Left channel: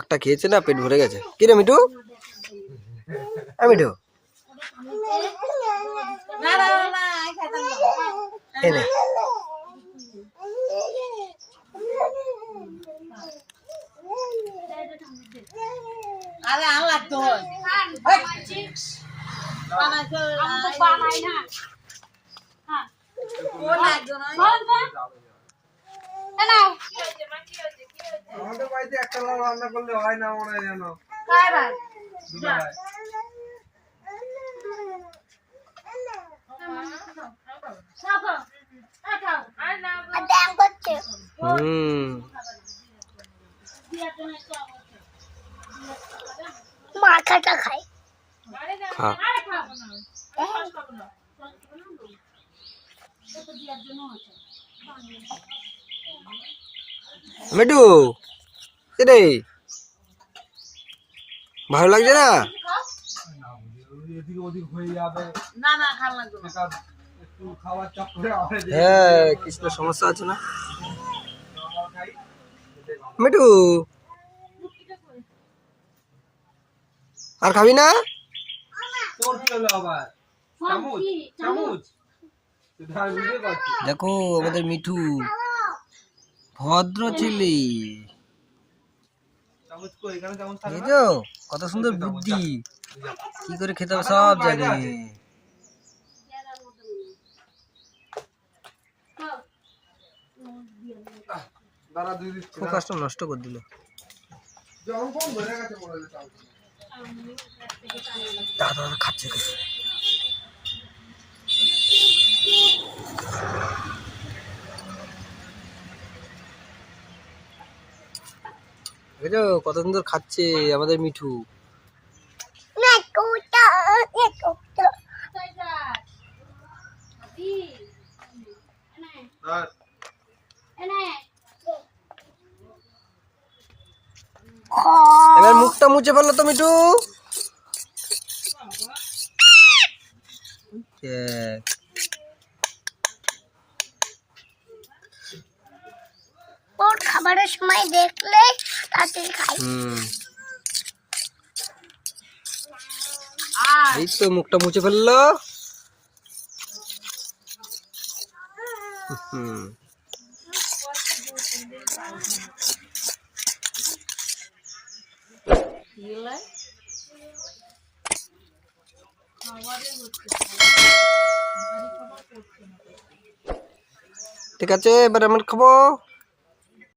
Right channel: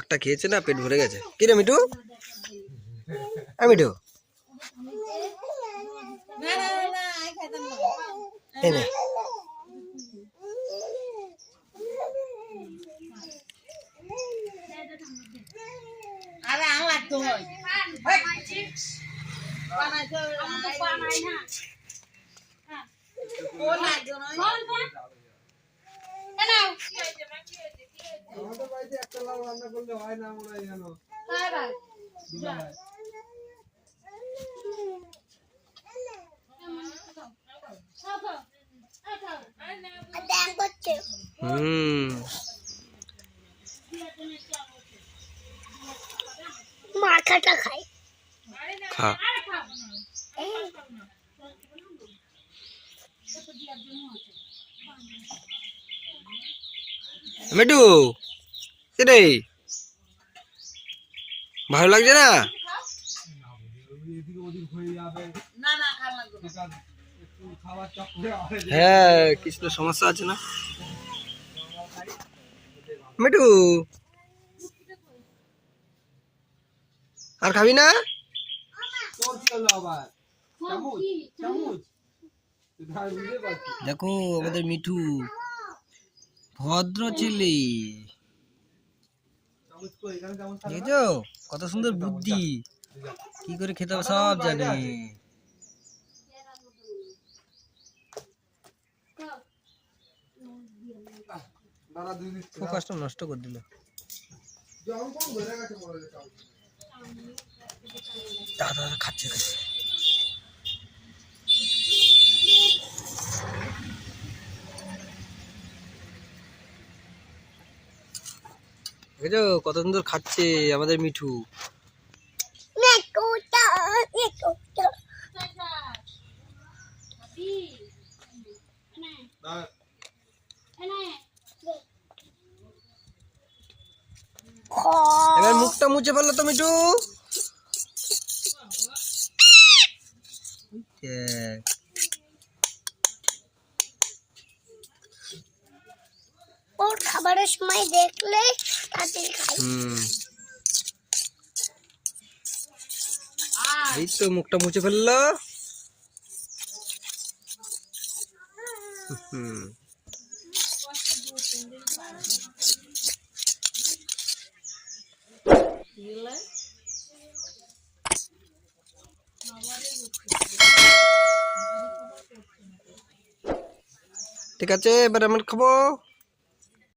একটা খেয়েছে না, পেট ভরে গেছে। কি রে মিঠু? মিঠু আরে আল্লাহ তো আমাদের বাড়িতে একটা লাউ রান্না করলে হয় না মনে হয় জানো। মাথাটা খাই খা। মিঠু রে, ভালো লাগছে না? এদিক ওদিক হয়ে যাবে। না না খাল লাগবে না। একটু খাওয়ার চক্করে হয় যে। হ্যাঁ, কিছু তো সমস্যা আছে না মিঠু? আর খাবি না? তোর চলে আবার চামচ চামচ দেখো আমাদের মিঠু ভদ্র ছেলে, দেখেছো কত সুন্দর বুদ্ধি, কি করে খেতে হবে সব জানে। ফোকাসটা নষ্ট করে দিল। দাদা খাচ্ছে দেখেছো কত সুন্দর খাচ্ছে আমাদের মিঠু। এবার মুখটা মুছে ফেললো তো মিঠু। ওর খাবারের সময় দেখলে তাড়াতাড়ি খাই। এই তো মুখটা মুছে ফেললো। ঠিক আছে, এবার আমরা খাবো।